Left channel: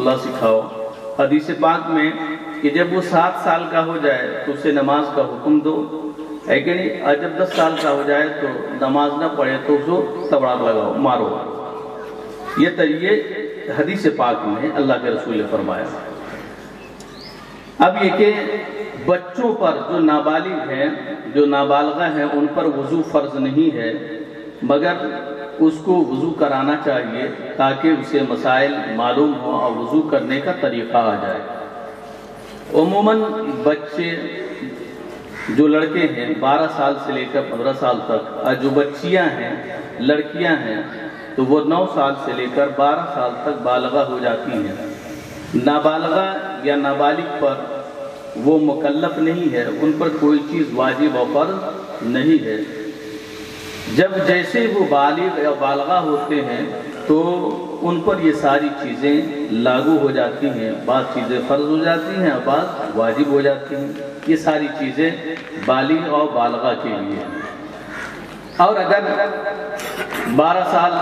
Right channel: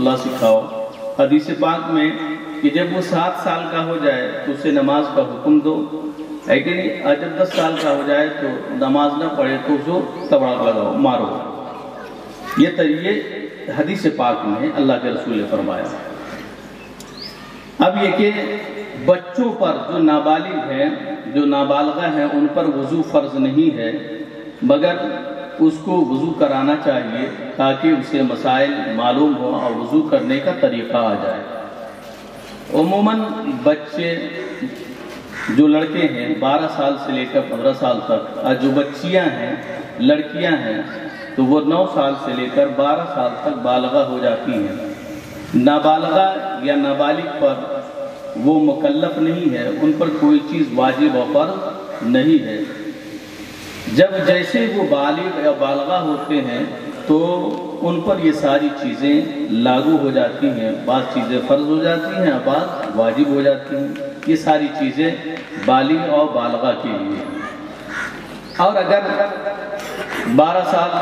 اللہ سکھاؤ۔ حدیث پاک میں کہ جب وہ 7 سال کا ہو جائے تو اسے نماز کا حکم دو، ہے کہ نہیں؟ اور جب 10 سال کا ہو جائے تو نماز نہ پڑھے تو اس کو تبڑا لگاؤ، مارو۔ یہ حدیث پاک میں اللہ کے رسول نے فرمایا۔ اب یہ کہ بچوں پر جو نابالغ ہیں، جو نابالغہ ہیں، ان پر وضو فرض نہیں ہے، مگر اس کو وضو کرانا چاہیے تاکہ اسے مسائل معلوم ہو اور وضو کرنے کا طریقہ آ جائے۔ عموماً بچے جو لڑکے ہیں 12 سال سے لے کر 15 سال تک، اور جو بچیاں ہیں لڑکیاں ہیں تو وہ 9 سال سے لے کر 12 سال تک بالغہ ہو جاتی ہیں۔ نابالغہ یا نابالغ پر وہ مکلف نہیں ہے، ان پر کوئی چیز واجب و فرض نہیں ہے۔ جب جیسے وہ بالغ یا بالغہ ہوتے ہیں تو ان پر یہ ساری چیزیں لاگو ہو جاتی ہیں، بعض چیزیں فرض ہو جاتی ہیں، بعض واجب ہو جاتی ہیں۔ یہ ساری چیزیں بالغ اور بالغہ کے لیے ہیں۔ اور اگر 12 سال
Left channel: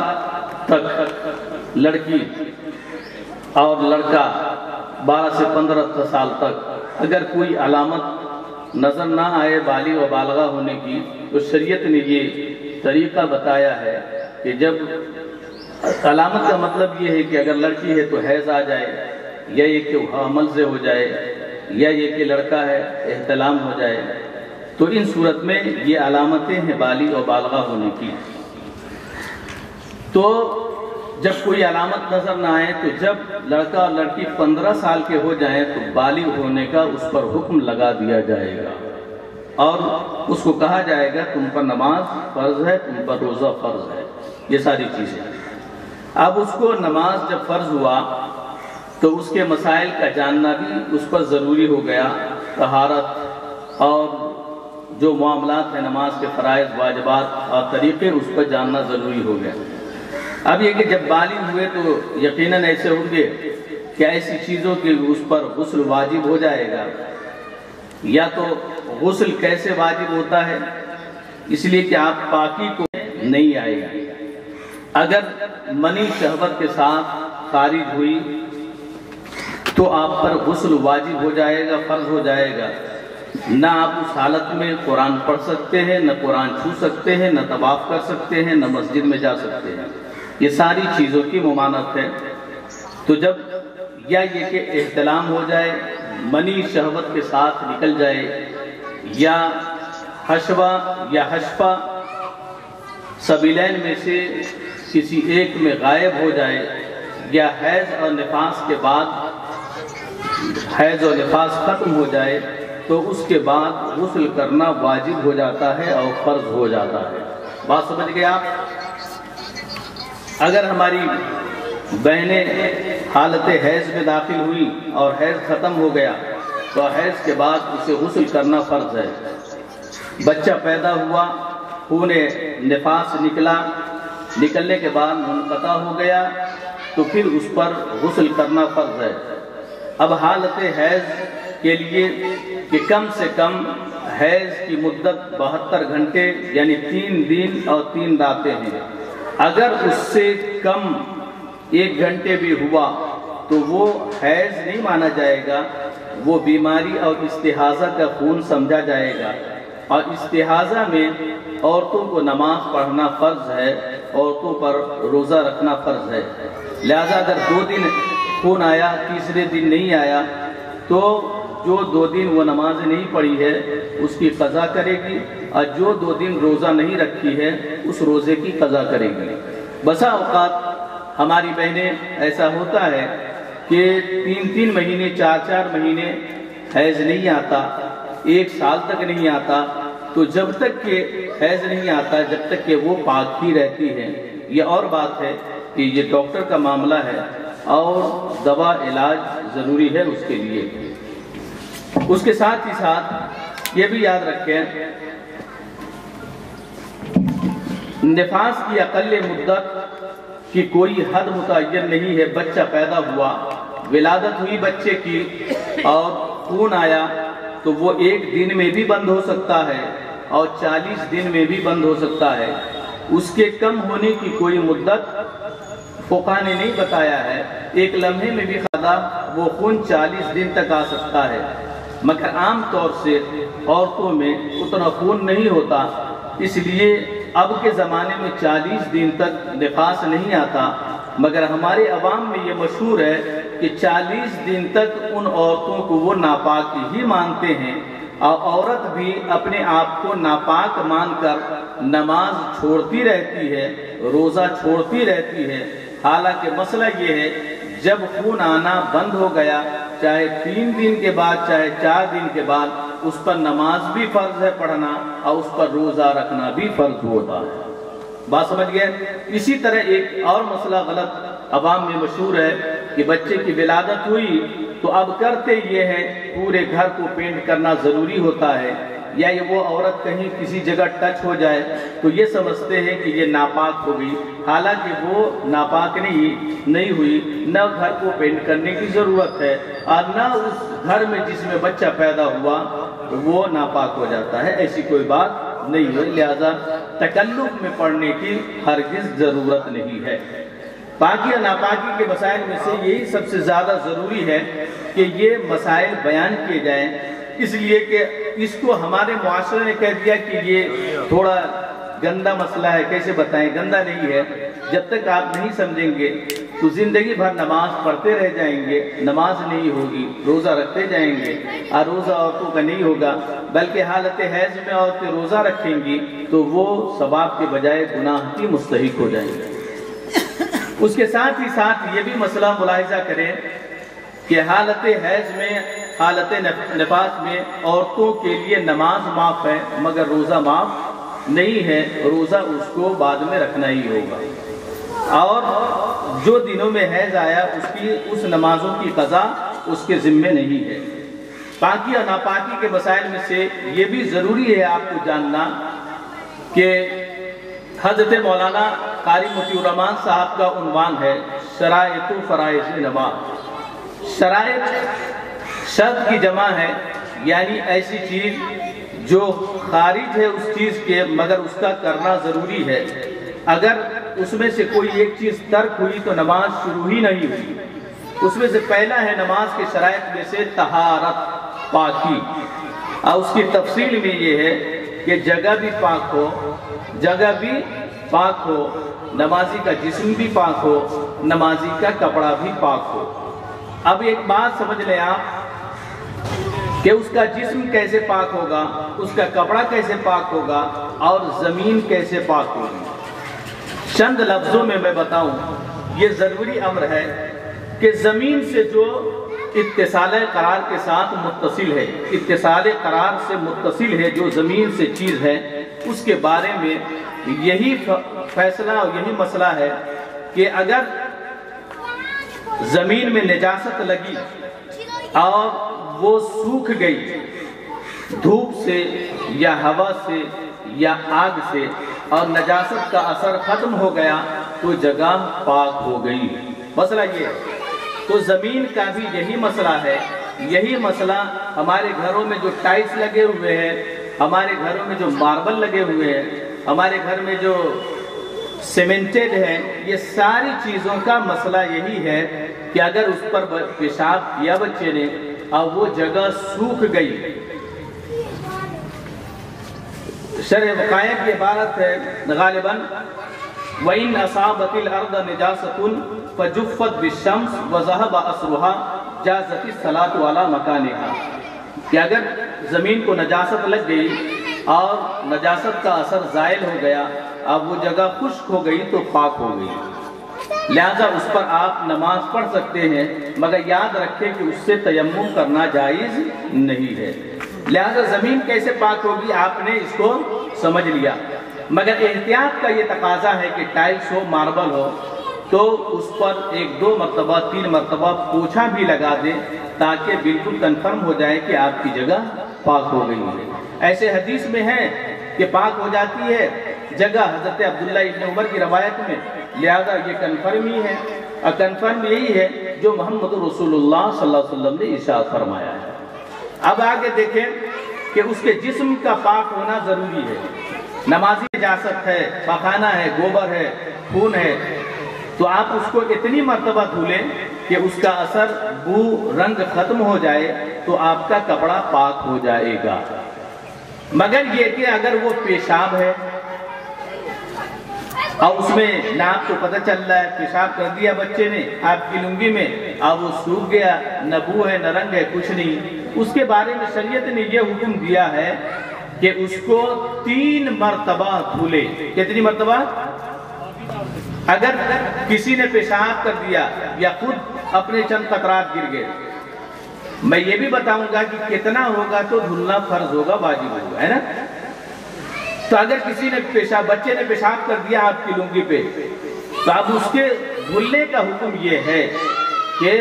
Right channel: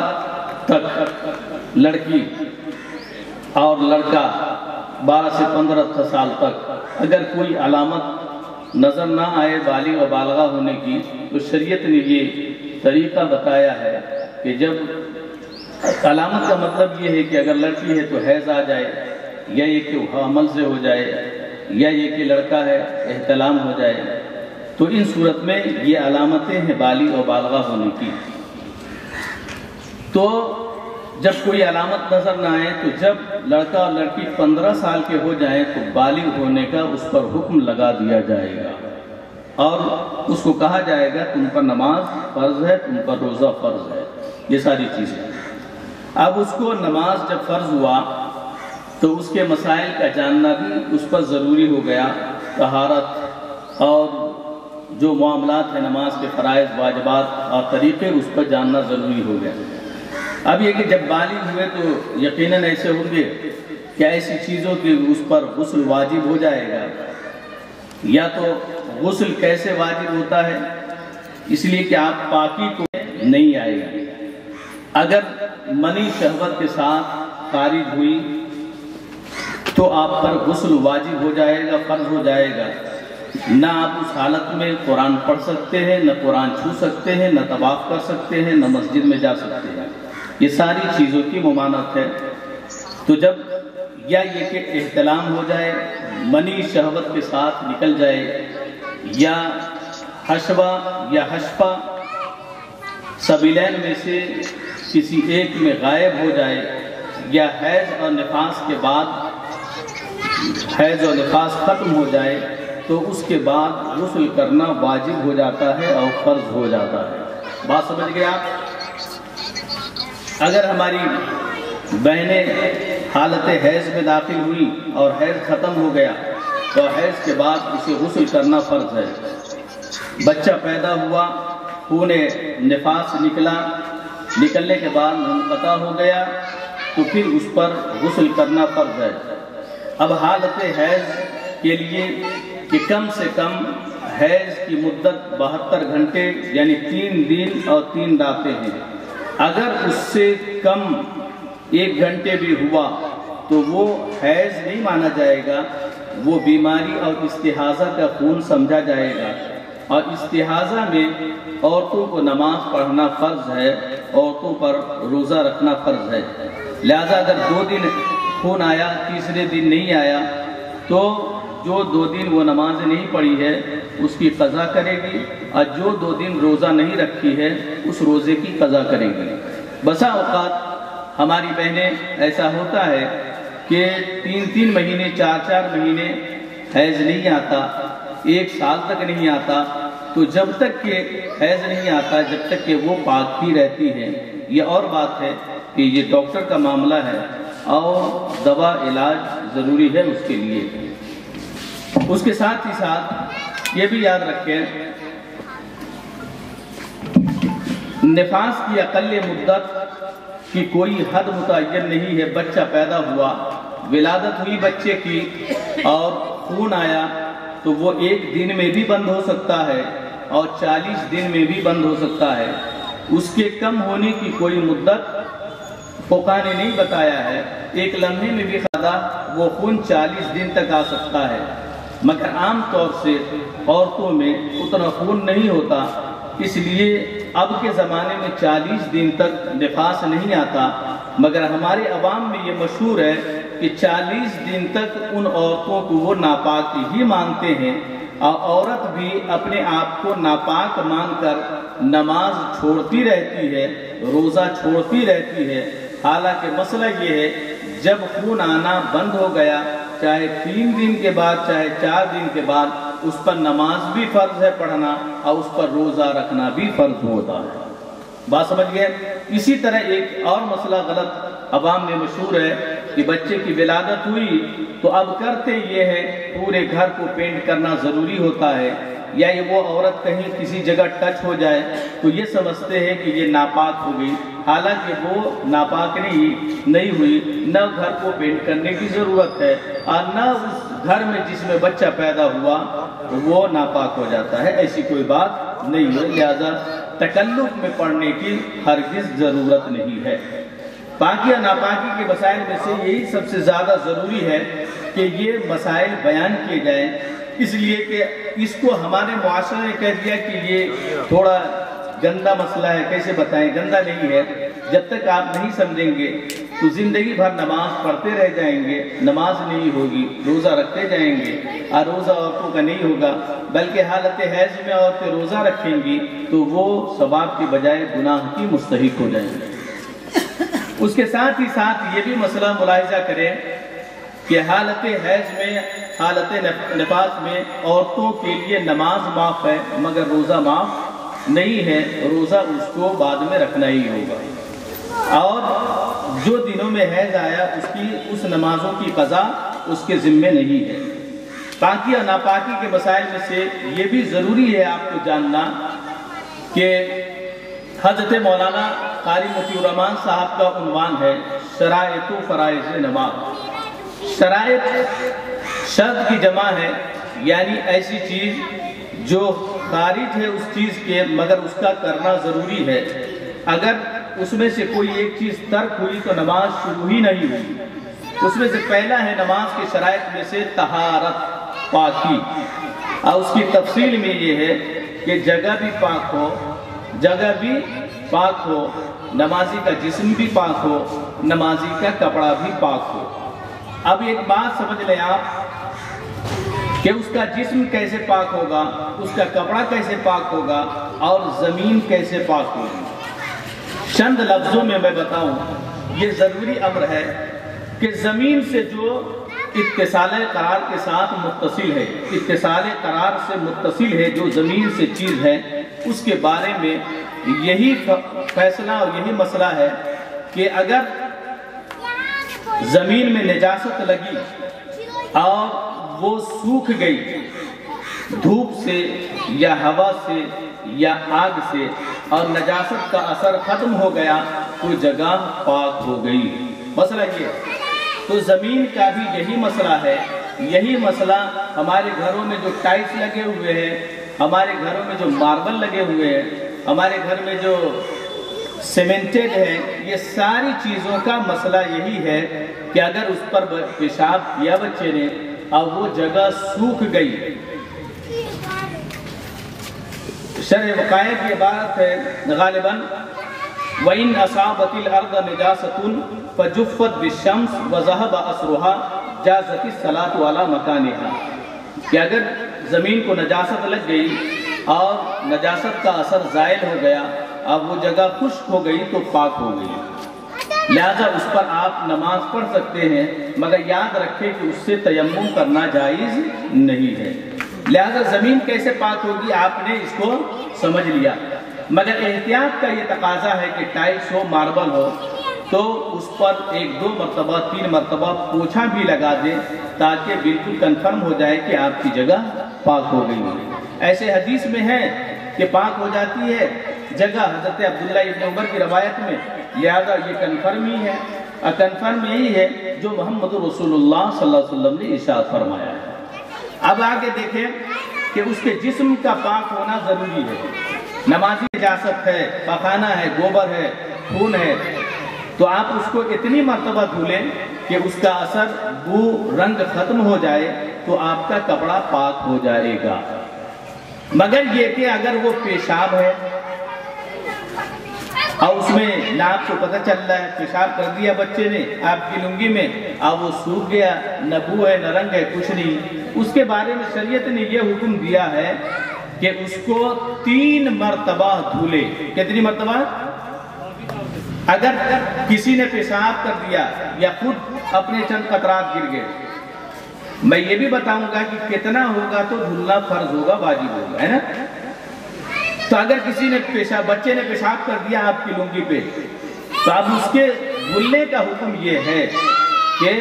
تک لڑکی اور لڑکا 12 سے 15 سال تک اگر کوئی علامت نظر نہ آئے بالغ و بالغہ ہونے کی، تو شریعت نے یہ طریقہ بتایا ہے کہ جب علامت کا مطلب یہ ہے کہ اگر لڑکی ہے تو حیض آ جائے، یا یہ کہ حمل سے ہو جائے، یا یہ کہ لڑکا ہے احتلام ہو جائے، تو ان صورت میں یہ علامتیں ہیں بالغ اور بالغہ ہونے کی۔ تو جب کوئی علامت نظر نہ آئے تو جب لڑکا اور لڑکی 15 سال کے ہو جائیں تو بالغ ہونے کا اس پر حکم لگا دیا جائے گا، اور اس کو کہا جائے گا تم پر نماز فرض ہے، تم پر روزہ فرض ہے، یہ ساری چیزیں۔ اب اس کو نماز جب فرض ہوا تو اس کے مسائل کا جاننا بھی اس پر ضروری ہو گیا، طہارت اور جو معاملات ہیں نماز کے فرائض واجبات اور طریقے اس پر جاننا ضروری ہو گیا۔ اب یہ کہ جب بالغ ہوئے تو یقیناً ایسے ہوں گے کہ ایسی چیزوں کی اس پر غسل واجب ہو جائے گا۔ یا تو غسل کیسے واجب ہوتا ہے؟ اس لیے کہ آپ پاکی کو نہیں آئے گا۔ اگر منی شہوت کے ساتھ خارج ہوئی تو آپ پر غسل واجب ہو جائے گا، فرض ہو جائے گا۔ نہ آپ اس حالت میں قرآن پڑھ سکتے ہیں، نہ قرآن چھو سکتے ہیں، نہ طواف کر سکتے ہیں، نہ مسجد میں جا سکتے ہیں۔ یہ ساری چیزوں کی ممانعت ہے۔ تو جب یا یہ کہ احتلام ہو جائے، منی شہوت کے ساتھ نکل جائے، یا حشوہ یا حشفہ سبیلین میں سے کسی ایک میں غائب ہو جائے، یا حیض اور نفاس کے بعد حیض اور نفاس ختم ہو جائے تو اس کے بعد غسل کرنا واجب ہو جاتا ہے اور فرض ہو جاتا ہے۔ بات سمجھ گئے آپ؟ اگر ہماری بہنیں حالت حیض میں داخل ہوئی اور حیض ختم ہو گیا تو حیض کے بعد اسے غسل کرنا فرض ہے۔ بچہ پیدا ہوا، خون نفاس نکلا، نکلنے کے بعد منقطع ہو گیا تو پھر اس پر غسل کرنا فرض ہے۔ اب حالت حیض کے لیے کہ کم سے کم حیض کی مدت 72 گھنٹے یعنی 3 دن اور 3 راتیں ہیں۔ اگر اس سے کم 1 گھنٹے بھی ہوا تو وہ حیض نہیں مانا جائے گا، وہ بیماری اور استحاضہ کا خون سمجھا جائے گا۔ اور استحاضہ میں عورتوں کو نماز پڑھنا فرض ہے، عورتوں پر روزہ رکھنا فرض ہے۔ لہذا اگر 2 دن خون آیا، تیسرے دن نہیں آیا، تو جو 2 دن وہ نماز نہیں پڑھی ہے اس کی قضا کرے گی، اور جو 2 دن روزہ نہیں رکھی ہے اس روزے کی قضا کرے گی۔ بسا اوقات ہماری بہنیں ایسا ہوتا ہے کہ 3 مہینے 4 مہینے حیض نہیں آتا، 1 سال تک نہیں آتا، تو جب تک کہ حیض نہیں آتا جب تک کہ وہ پاک ہی رہتی ہے۔ یہ اور بات ہے کہ یہ ڈاکٹر کا معاملہ ہے اور دوا علاج ضروری ہے اس کے لیے۔ اس کے ساتھ ہی ساتھ یہ بھی یاد رکھیں نفاس کی اقل مدت کی کوئی حد متعین نہیں ہے۔ بچہ پیدا ہوا، ولادت ہوئی بچے کی اور خون آیا تو وہ 1 دن میں بھی بند ہو سکتا ہے اور 40 دن میں بھی بند ہو سکتا ہے۔ اس کے کم ہونے کی کوئی مدت فقہا نے نہیں بتایا ہے، ایک لمحے میں بھی خدا وہ خون 40 دن تک آ سکتا ہے، مگر عام طور سے عورتوں میں اتنا خون نہیں ہوتا، اس لیے اب کے زمانے میں 40 دن تک نفاس نہیں آتا، مگر ہمارے عوام میں یہ مشہور ہے کہ 40 دن تک ان عورتوں کو وہ ناپاک ہی مانتے ہیں، اور عورت بھی اپنے آپ کو ناپاک مان کر نماز چھوڑتی رہتی ہے، روزہ چھوڑتی رہتی ہے، حالانکہ مسئلہ یہ ہے جب خون آنا بند ہو گیا، چاہے 3 دن کے بعد چاہے 4 دن کے بعد، اس پر نماز بھی فرض ہے پڑھنا اور اس پر روزہ رکھنا بھی فرض ہوتا ہے۔ بات سمجھ گئے؟ اسی طرح ایک اور مسئلہ غلط عوام میں مشہور ہے کہ بچے کی ولادت ہوئی تو اب کرتے یہ ہے پورے گھر کو پینٹ کرنا ضروری ہوتا ہے، یا یہ وہ عورت کہیں کسی جگہ ٹچ ہو جائے تو یہ سمجھتے ہیں کہ یہ ناپاک ہو گئی، حالانکہ وہ ناپاک نہیں ہوئی، نہ گھر کو پینٹ کرنے کی ضرورت ہے اور نہ اس گھر میں جس میں بچہ پیدا ہوا وہ ناپاک ہو جاتا ہے، ایسی کوئی بات نہیں ہے، لہذا تکلف میں پڑھنے کی ہرگز ضرورت نہیں ہے۔ پاکی اور ناپاکی کے مسائل میں سے یہی سب سے زیادہ ضروری ہے کہ یہ مسائل بیان کیے جائیں، اس لیے کہ اس کو ہمارے معاشرے نے کہہ دیا کہ یہ تھوڑا گندا مسئلہ ہے، کیسے بتائیں، گندا نہیں ہے، جب تک آپ نہیں سمجھیں گے تو زندگی بھر نماز پڑھتے رہ جائیں گے، نماز نہیں ہوگی، روزہ رکھتے جائیں گے، اور روزہ عورتوں کا نہیں ہوگا، بلکہ حالت حیض میں عورتیں روزہ رکھیں گی تو وہ ثواب کے بجائے گناہ کی مستحق ہو جائیں گے۔ اس کے ساتھ ہی ساتھ یہ بھی مسئلہ ملاحظہ کریں کہ حالت حیض میں، حالت نفاس میں عورتوں کے لیے نماز معاف ہے مگر روزہ معاف نہیں ہے، روزہ اس کو بعد میں رکھنا ہی ہوگا، اور جو دنوں میں حیض آیا اس نمازوں کی قضا اس کے ذمے نہیں ہے۔ پاکی اور ناپاکی کے مسائل میں سے یہ بھی ضروری ہے آپ کو جاننا کہ حضرت مولانا قاری مطیع الرحمان صاحب کا عنوان ہے شرائط و فرائض نماز۔ شرائط شرط کی جمع ہے، یعنی ایسی چیز جو خارج ہے اس چیز کے مگر اس کا کرنا ضروری ہے، اگر اس میں سے کوئی ایک چیز ترک ہوئی تو نماز شروع ہی نہیں ہوئی۔ اس میں سے پہلا ہے نماز کے شرائط میں سے طہارت، پاکی، اور اس کی تفصیل میں یہ ہے کہ جگہ بھی پاک ہو، جگہ بھی پاک ہو، نمازی کا جسم بھی پاک ہو، نمازی کا کپڑا بھی پاک ہو۔ اب ایک بات سمجھ لیں آپ کہ اس کا جسم کیسے پاک ہوگا، اس کا کپڑا کیسے پاک ہوگا، اور زمین کیسے پاک ہوگی۔ چند لفظوں میں بتاؤں، یہ ضروری امر ہے کہ زمین سے جو اتصال قرار کے ساتھ متصل ہے، اتصال قرار سے متصل ہے جو زمین سے چیز ہے، اس کے بارے میں یہی فیصلہ اور یہی مسئلہ ہے کہ اگر زمین میں نجاست لگی اور وہ سوکھ گئی دھوپ سے یا ہوا سے یا آگ سے اور نجاست کا اثر ختم ہو گیا تو جگہ پاک ہو گئی۔ مسئلہ یہ ہے، تو زمین کا بھی یہی مسئلہ ہے، یہی مسئلہ ہمارے گھروں میں جو ٹائلز لگے ہوئے ہیں، ہمارے گھروں میں جو ماربل لگے ہوئے ہیں، ہمارے گھر میں جو سیمنٹڈ ہے، یہ ساری چیزوں کا مسئلہ یہی ہے کہ اگر اس پر پیشاب کیا بچے نے اور وہ جگہ سوکھ گئی، شرح وقائع کی عبارت ہے غالباً وَإِنْ أَصَابَتِ الْأَرْضَ نِجَاسَةٌ فَجُفَّتْ بِالشَّمْسِ وَذَهَبَ أَثْرُهَا جَازَتِ الصَّلَاةُ عَلَى مَكَانِهَا، کہ اگر زمین کو نجاست لگ گئی اور نجاست کا اثر زائل ہو گیا، اب وہ جگہ خشک ہو گئی تو پاک ہو گئی، لہذا اس پر آپ نماز پڑھ سکتے ہیں، مگر یاد رکھیں کہ اس سے تیمم کرنا جائز نہیں ہے۔ لہذا زمین کیسے پاک ہوگی آپ نے اس کو سمجھ لیا، مگر احتیاط کا یہ تقاضا ہے کہ ٹائلز ہو، ماربل ہو تو اس پر 1 2 مرتبہ 3 مرتبہ پوچھا بھی لگا دیں تاکہ بالکل کنفرم ہو جائے کہ آپ کی جگہ پاک ہو گئی ہے۔ ایسے حدیث میں ہے کہ پاک ہو جاتی ہے جگہ حضرت عبداللہ ابن عمر کی روایت میں، لہذا یہ کنفرم ہی ہے، اور کنفرم یہی ہے جو محمد رسول اللہ صلی اللہ علیہ وسلم نے ارشاد فرمایا ہے۔ اب آگے دیکھیں کہ اس کے جسم کا پاک ہونا ضروری ہے، نمازی نجاست ہے، پخانہ ہے، گوبر ہے، خون ہے، تو آپ اس کو اتنی مرتبہ دھولیں کہ اس کا اثر بو رنگ ختم ہو جائے تو آپ کا کپڑا پاک ہو جائے گا۔ مگر یہ کہ اگر وہ پیشاب ہے اور اس میں نہ آپ کو پتہ چل رہا ہے پیشاب کر دیا بچے نے آپ کی لنگی میں، اب وہ سوکھ گیا، نہ بو ہے نہ رنگ ہے کچھ نہیں، اس کے بارے میں شریعت نے یہ حکم دیا ہے کہ اس کو 3 مرتبہ دھولے۔ کتنی مرتبہ؟ اگر کسی نے پیشاب کر دیا یا خود اپنے چند قطرات گر گئے، میں یہ بھی بتاؤں گا کہ کتنا ہوگا تو دھلنا فرض ہوگا، واجب ہوگا، ہے نا؟ تو اگر کسی نے بچے نے پیشاب کر دیا آپ کی لنگی پہ، تو اب اس کے دھلنے کا حکم یہ ہے کہ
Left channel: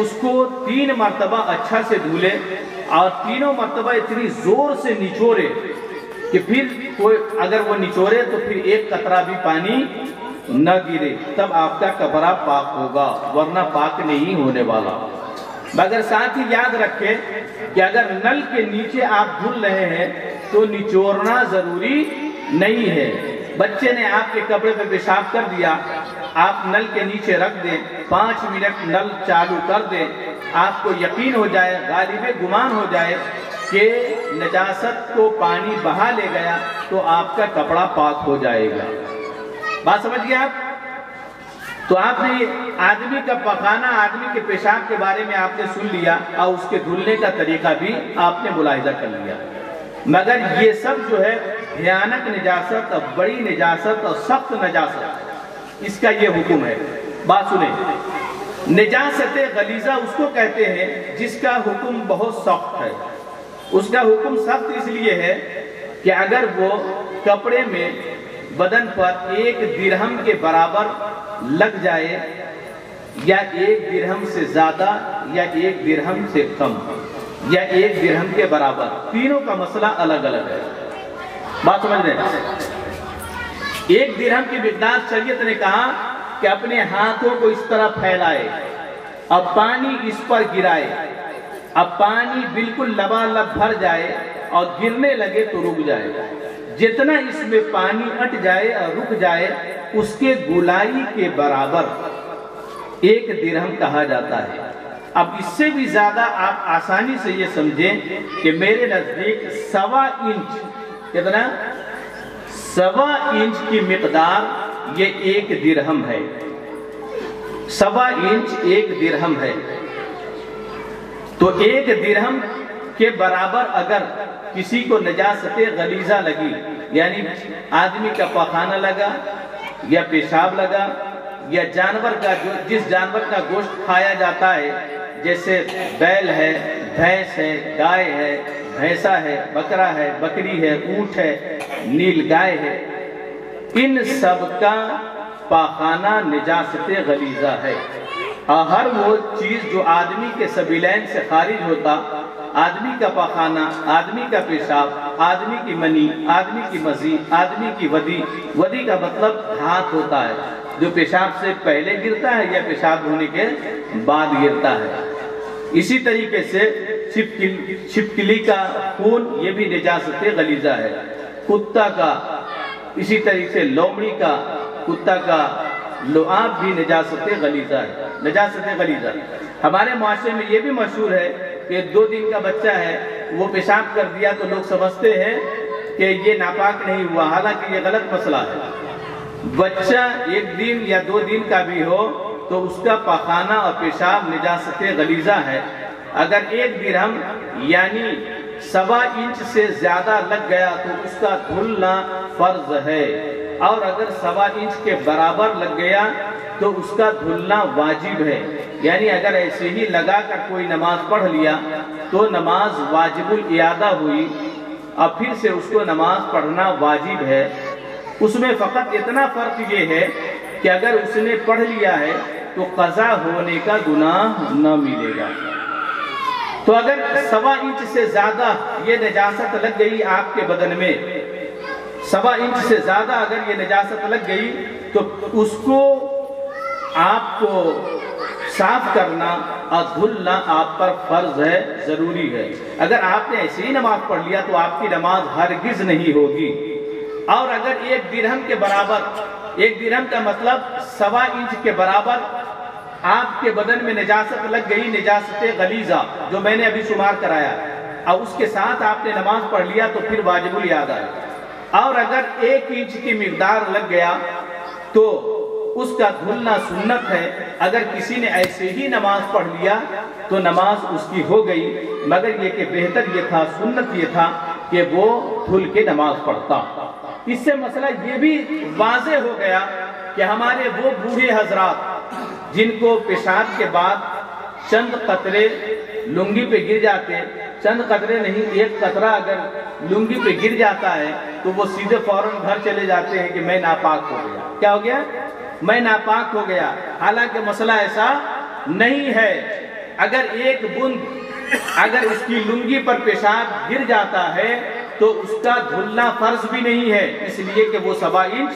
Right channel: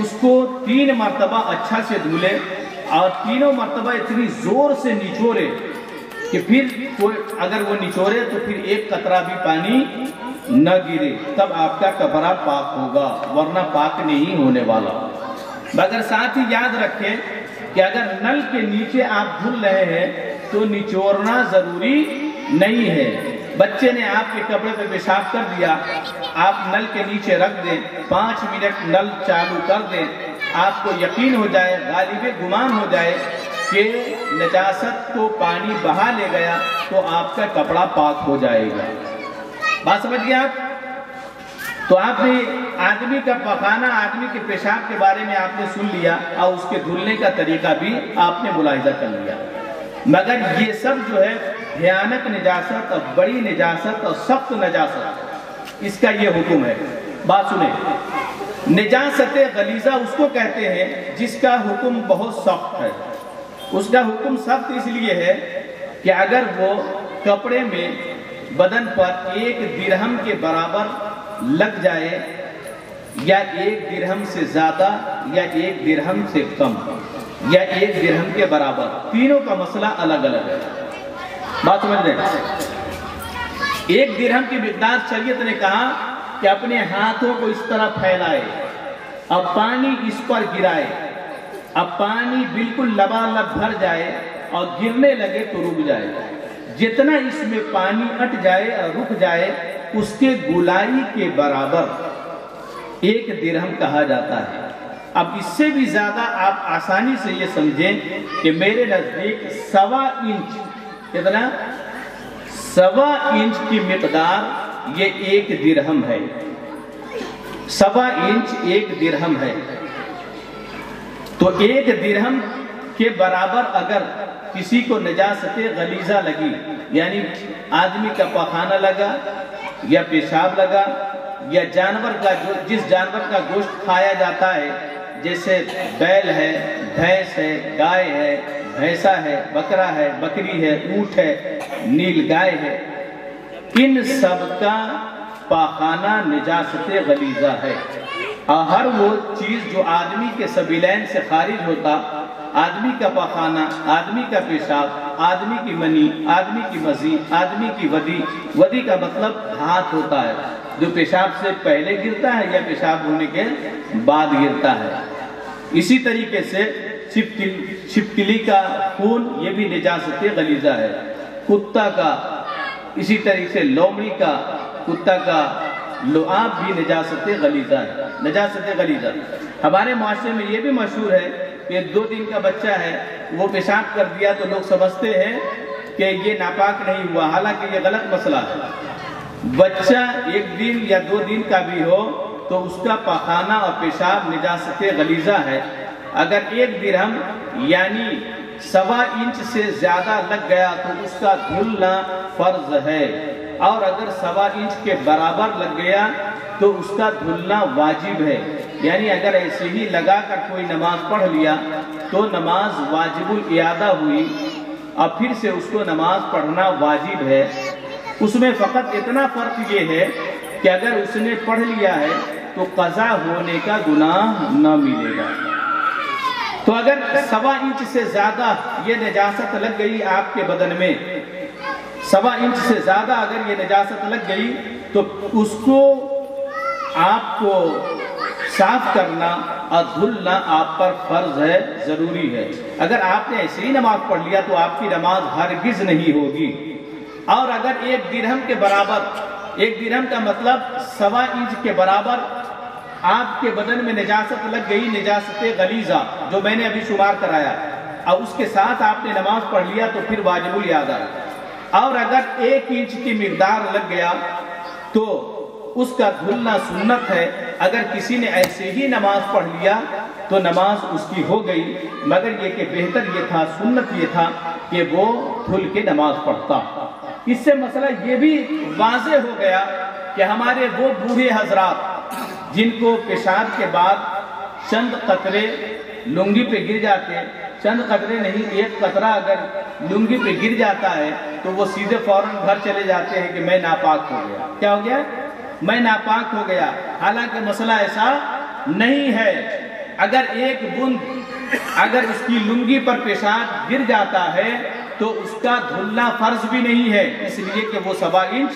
اس کو 3 مرتبہ اچھا سے دھولے اور تینوں مرتبہ اتنی زور سے نچوڑے کہ پھر کوئی اگر وہ نچوڑے تو پھر ایک قطرہ بھی پانی نہ گرے، تب آپ کا کپڑا پاک ہوگا، ورنہ پاک نہیں ہونے والا۔ مگر ساتھ ہی یاد رکھیں کہ اگر نل کے نیچے آپ دھل رہے ہیں تو نچوڑنا ضروری نہیں ہے۔ بچے نے آپ کے کپڑے پہ پیشاب کر دیا، آپ نل کے نیچے رکھ دیں، 5 منٹ نل چالو کر دیں، آپ کو یقین ہو جائے، غالب گمان ہو جائے کہ نجاست کو پانی بہا لے گیا تو آپ کا کپڑا پاک ہو جائے گا۔ بات سمجھ گئے آپ؟ تو آپ نے آدمی کا پخانا، آدمی کے پیشاب کے بارے میں آپ نے سن لیا اور اس کے دھلنے کا طریقہ بھی آپ نے ملاحظہ کر لیا۔ مگر یہ سب جو ہے بھیانک نجاست اور بڑی نجاست اور سخت نجاست، اس کا یہ حکم ہے۔ بات سنیں، نجاست غلیظہ اس کو کہتے ہیں جس کا حکم بہت سخت ہے۔ اس کا حکم سخت اس لیے ہے کہ اگر وہ کپڑے میں بدن پر 1 درہم کے برابر لگ جائے یا 1 درہم سے زیادہ یا 1 درہم سے کم یا 1 درہم کے برابر، تینوں کا مسئلہ الگ الگ ہے۔ بات سمجھ لیں، 1 درہم کی مقدار شریعت نے کہا کہ اپنے ہاتھوں کو اس طرح پھیلائے، اب پانی اس پر گرائے، اب پانی بالکل لبالب بھر جائے اور گرنے لگے تو رک جائے، جتنا اس میں پانی اٹ جائے اور رک جائے اس کے گولائی کے برابر 1 درہم کہا جاتا ہے۔ اب اس سے بھی زیادہ آپ آسانی سے یہ سمجھیں کہ میرے نزدیک 1.25 انچ، کتنا؟ 1.25 انچ کی مقدار یہ 1 درہم ہے۔ 1.25 انچ 1 درہم ہے، تو 1 درہم کے برابر اگر کسی کو نجاست غلیظہ لگی، یعنی آدمی کا پخانہ لگا یا پیشاب لگا یا جانور کا جس جانور کا گوشت کھایا جاتا ہے، جیسے بیل ہے، بھینس ہے، گائے ہے، بھینسا ہے، بکرا ہے، بکری ہے، اونٹ ہے، نیل گائے ہے، ان سب کا پاخانہ نجاست غلیظہ ہے۔ اور ہر وہ چیز جو آدمی کے سبیلین سے خارج ہوتا، آدمی کا پاخانہ، آدمی کا پیشاب، آدمی کی منی، آدمی کی مزی، آدمی کی ودی، ودی کا مطلب ہاتھ ہوتا ہے جو پیشاب سے پہلے گرتا ہے یا پیشاب ہونے کے بعد گرتا ہے۔ اسی طریقے سے چھپکلی کا خون یہ بھی نجاست غلیظہ ہے، کتا کا، اسی طریقے سے لومڑی کا، کتا کا لعاب بھی نجاست غلیظہ ہے، نجاست غلیظہ۔ ہمارے معاشرے میں یہ بھی مشہور ہے کہ 2 دن کا بچہ ہے، وہ پیشاب کر دیا تو لوگ سمجھتے ہیں کہ یہ ناپاک نہیں ہوا، حالانکہ یہ غلط مسئلہ ہے۔ بچہ 1 دن یا 2 دن کا بھی ہو تو اس کا پاخانہ اور پیشاب نجاست غلیظہ ہے۔ اگر 1 درہم یعنی 1.25 انچ سے زیادہ لگ گیا تو اس کا دھلنا فرض ہے، اور اگر 1.25 انچ کے برابر لگ گیا تو اس کا دھلنا واجب ہے۔ یعنی اگر ایسے ہی لگا کر کوئی نماز پڑھ لیا تو نماز واجب الاعادہ ہوئی، اب پھر سے اس کو نماز پڑھنا واجب ہے۔ اس میں فقط اتنا فرق یہ ہے کہ اگر اس نے پڑھ لیا ہے تو قضا ہونے کا گناہ نہ ملے گا۔ تو اگر 1.25 انچ سے زیادہ یہ نجاست لگ گئی آپ کے بدن میں، 1.25 انچ سے زیادہ اگر یہ نجاست لگ گئی تو اس کو آپ کو صاف کرنا اور دھلنا آپ پر فرض ہے، ضروری ہے۔ اگر آپ نے ایسی ہی نماز پڑھ لیا تو آپ کی نماز ہرگز نہیں ہوگی۔ اور اگر 1 درہم کے برابر 1 درہم کا مطلب 1.25 انچ کے برابر آپ کے بدن میں نجاست لگ گئی، نجاست غلیظہ جو میں نے ابھی شمار کرایا، اور اس کے ساتھ آپ نے نماز پڑھ لیا تو پھر واجب الادا ہے۔ اور اگر 1 انچ کی مقدار لگ گیا تو اس کا دھلنا سنت ہے۔ اگر کسی نے ایسے ہی نماز پڑھ لیا تو نماز اس کی ہو گئی، مگر یہ کہ بہتر یہ تھا، سنت یہ تھا کہ وہ دھل کے نماز پڑھتا۔ اس سے مسئلہ یہ بھی واضح ہو گیا کہ ہمارے وہ بوڑھے حضرات جن کو پیشاب کے بعد چند قطرے لنگی پہ گر جاتے، چند قطرے نہیں، 1 قطرہ اگر لنگی پہ گر جاتا ہے تو وہ سیدھے فوراً گھر چلے جاتے ہیں کہ میں ناپاک ہو گیا۔ کیا ہو گیا؟ میں ناپاک ہو گیا۔ حالانکہ مسئلہ ایسا نہیں ہے۔ اگر 1 بوند اگر اس کی لنگی پر پیشاب گر جاتا ہے تو اس کا دھلنا فرض بھی نہیں ہے، اس لیے کہ وہ 1.25 انچ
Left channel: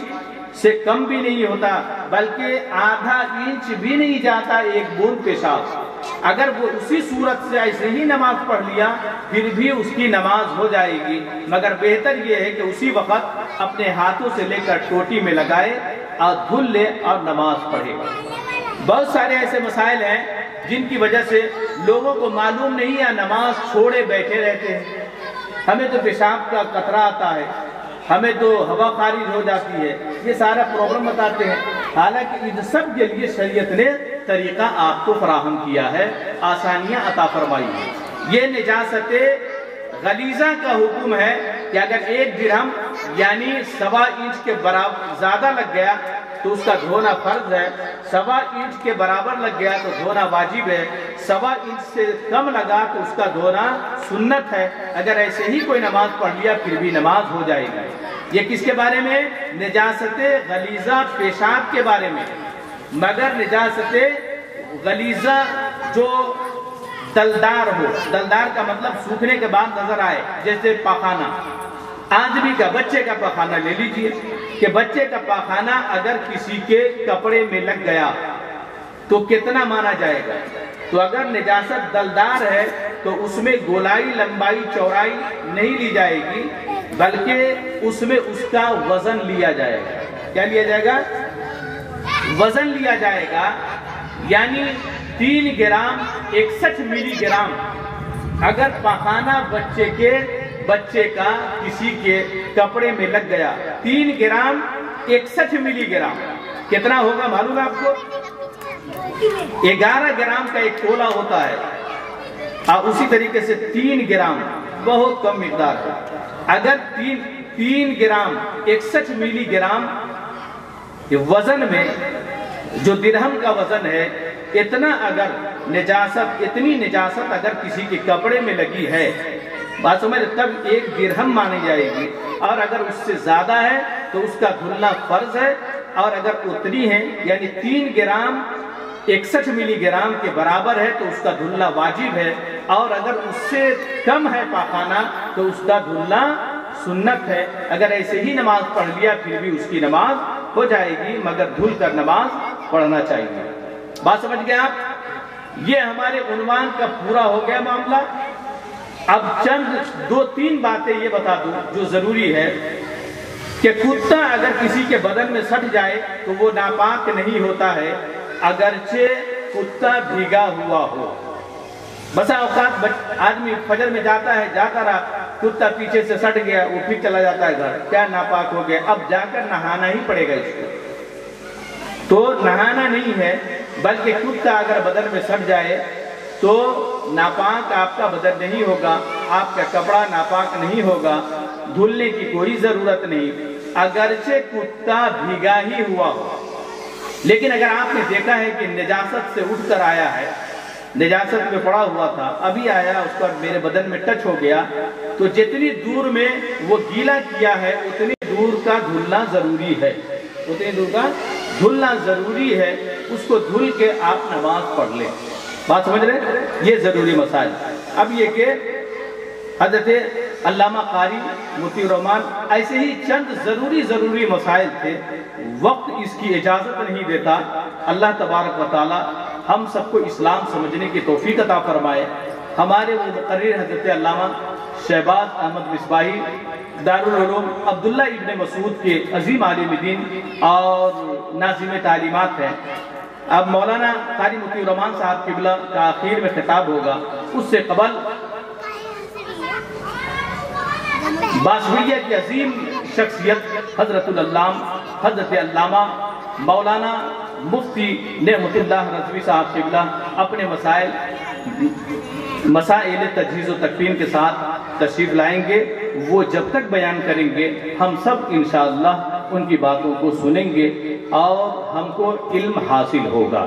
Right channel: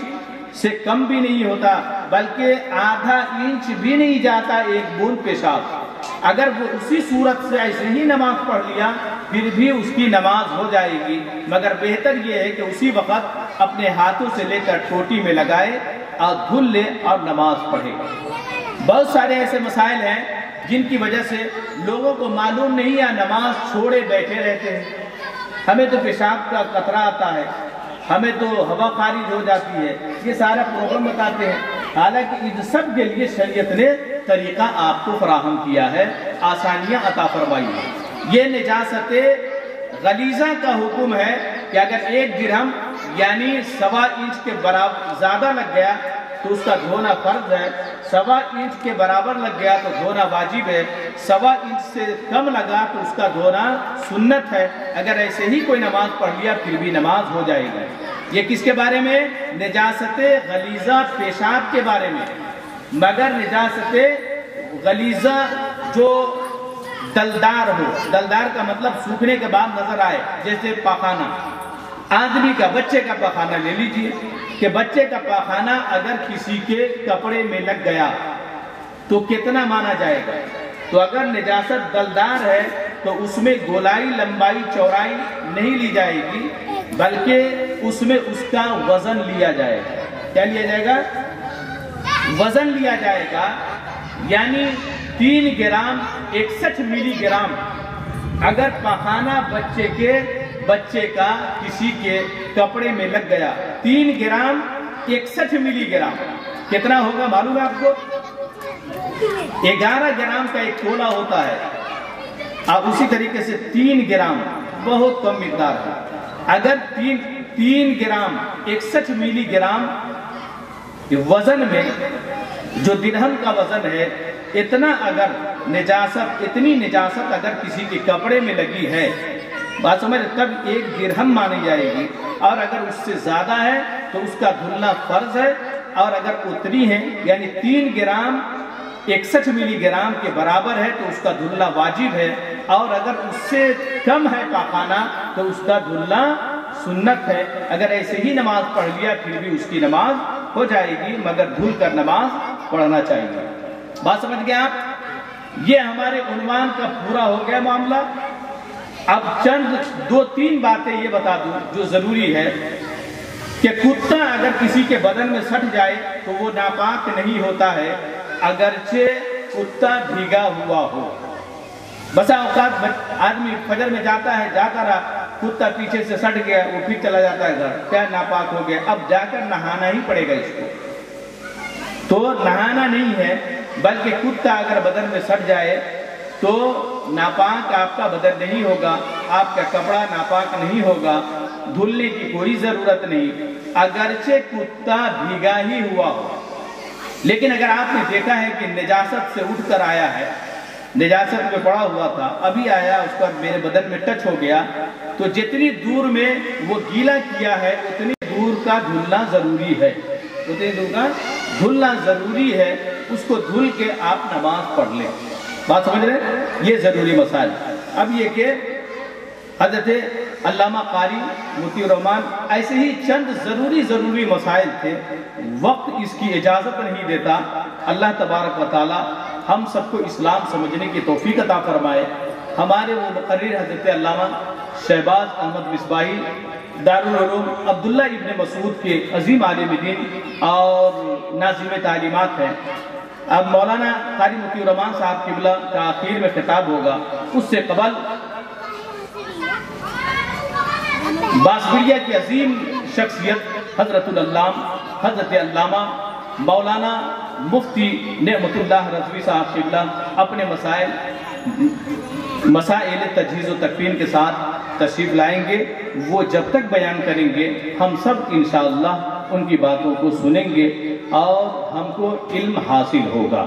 سے کم بھی نہیں ہوتا، بلکہ آدھا انچ بھی نہیں جاتا 1 بوند پیشاب۔ اگر وہ اسی صورت سے ایسے ہی نماز پڑھ لیا پھر بھی اس کی نماز ہو جائے گی، مگر بہتر یہ ہے کہ اسی وقت اپنے ہاتھوں سے لے کر ٹوٹی میں لگائے اور دھل لے اور نماز پڑھے۔ بہت سارے ایسے مسائل ہیں جن کی وجہ سے لوگوں کو معلوم نہیں ہے، نماز چھوڑے بیٹھے رہتے ہیں۔ ہمیں تو پیشاب کا قطرہ آتا ہے، ہمیں تو ہوا خارج ہو جاتی ہے، یہ سارا پرابلم بتاتے ہیں۔ حالانکہ ان سب کے لیے شریعت نے طریقہ آپ کو فراہم کیا ہے، آسانیاں عطا فرمائی ہیں۔ یہ نجاست غلیظہ کا حکم ہے کہ اگر 1 درہم یعنی 1.25 انچ کے برابر زیادہ لگ گیا تو اس کا دھونا فرض ہے، 1.25 انچ کے برابر لگ گیا تو دھونا واجب ہے، 1.25 انچ سے کم لگا تو اس کا دھونا سنت ہے۔ اگر ایسے ہی کوئی نماز پڑھ لیا پھر بھی نماز ہو جائے گی۔ یہ کس کے بارے میں؟ نجاست غلیظہ پیشاب کے بارے میں۔ مگر نجاست غلیظہ جو دلدار ہو، دلدار کا مطلب سوکھنے کے بعد نظر آئے، جیسے پاخانہ، آدمی کا، بچے کا پاخانہ لے لیجئے کہ بچے کا پاخانہ اگر کسی کے کپڑے میں لگ گیا تو کتنا مانا جائے گا؟ تو اگر نجاست دلدار ہے تو اس میں گولائی، لمبائی، چوڑائی نہیں لی جائے گی، بلکہ اس میں اس کا وزن لیا جائے گا۔ کیا لیا جائے گا؟ وزن لیا جائے گا، یعنی 3 گرام 61 ملی گرام۔ اگر پاخانہ بچے کا کسی کے کپڑے میں لگ گیا، 3 گرام 61 ملی گرام کتنا ہوگا معلوم ہے آپ کو؟ 11 گرام کا ایک تولہ ہوتا ہے، اور اسی طریقے سے 3 گرام بہت کم مقدار ہے۔ اگر 3 گرام 61 ملی گرام وزن میں جو درہم کا وزن ہے، اتنی نجاست اگر کسی کے کپڑے میں لگی ہے، بات سمجھ، تب 1 درہم مانی جائے گی، اور اگر اس سے زیادہ ہے تو اس کا دھلنا فرض ہے، اور اگر اتنی ہے یعنی 3 گرام 61 ملی گرام کے برابر ہے تو اس کا دھلنا واجب ہے، اور اگر اس سے کم ہے پاخانہ تو اس کا دھلنا سنت ہے۔ اگر ایسے ہی نماز پڑھ لیا پھر بھی اس کی نماز ہو جائے گی، مگر دھل کر نماز پڑھنا چاہیے۔ بات سمجھ گئے آپ؟ یہ ہمارے عنوان کا پورا ہو گیا معاملہ۔ اب چند 2-3 باتیں یہ بتا دوں جو ضروری ہے کہ کتا اگر کسی کے بدن میں سٹ جائے تو وہ ناپاک نہیں ہوتا ہے، اگرچہ کتا بھیگا ہوا ہو۔ بسا اوقات آدمی فجر میں جاتا ہے، جاتا رہا، کتا پیچھے سے سٹ گیا، وہ پھر چلا جاتا ہے گھر، کیا ناپاک ہو گیا، اب جا کر نہانا ہی پڑے گا اس کو۔ تو نہانا نہیں ہے، بلکہ کتا اگر بدن میں سٹ جائے تو ناپاک آپ کا بدن نہیں ہوگا، آپ کا کپڑا ناپاک نہیں ہوگا، دھلنے کی کوئی ضرورت نہیں، اگرچہ کتا بھیگا ہی ہوا ہو۔ لیکن اگر آپ نے دیکھا ہے کہ نجاست سے اٹھ کر آیا ہے، نجاست میں پڑا ہوا تھا، ابھی آیا، اس پر میرے بدن میں ٹچ ہو گیا، تو جتنی دور میں وہ گیلا کیا ہے اتنی دور کا دھلنا ضروری ہے، اتنی دور کا دھلنا ضروری ہے، اس کو دھل کے آپ نماز پڑھ لیں۔ بات سمجھ رہے؟ یہ ضروری مسائل۔ اب یہ کہ حضرت علامہ قاری مطیع الرحمان ایسے ہی چند ضروری مسائل تھے، وقت اس کی اجازت نہیں دیتا۔ اللہ تبارک و تعالی ہم سب کو اسلام سمجھنے کی توفیق عطا فرمائے۔ ہمارے وہ مقرر حضرت علامہ شہباز احمد مصباحی دارالعلوم عبداللہ ابن مسعود کے عظیم عالم دین اور ناظم تعلیمات ہیں. اب مولانا قاری مطیع الرحمان صاحب قبلہ کا آخر میں خطاب ہوگا. اس سے قبل باسبریہ کی عظیم شخصیت حضرت علامہ مولانا مفتی نعمت اللہ رضوی صاحب قبلہ اپنے مسائل تجہیز و تکفین کے ساتھ تشریف لائیں گے. وہ جب تک بیان کریں گے ہم سب انشاءاللہ ان کی باتوں کو سنیں گے اور ہم کو علم حاصل ہوگا.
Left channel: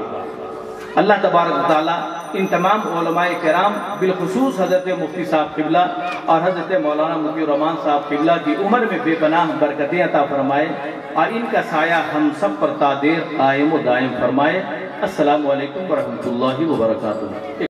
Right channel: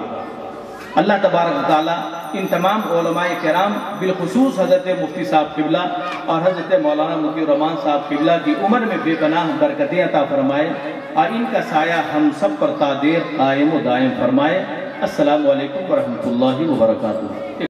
اللہ تبارک و تعالیٰ ان تمام علماء کرام بالخصوص حضرت مفتی صاحب قبلہ اور حضرت مولانا مطیع الرحمان صاحب قبلہ کی عمر میں بے پناہ برکتیں عطا فرمائے اور ان کا سایہ ہم سب پر تا دیر قائم و دائم فرمائے. السلام علیکم ورحمۃ اللہ وبرکاتہ.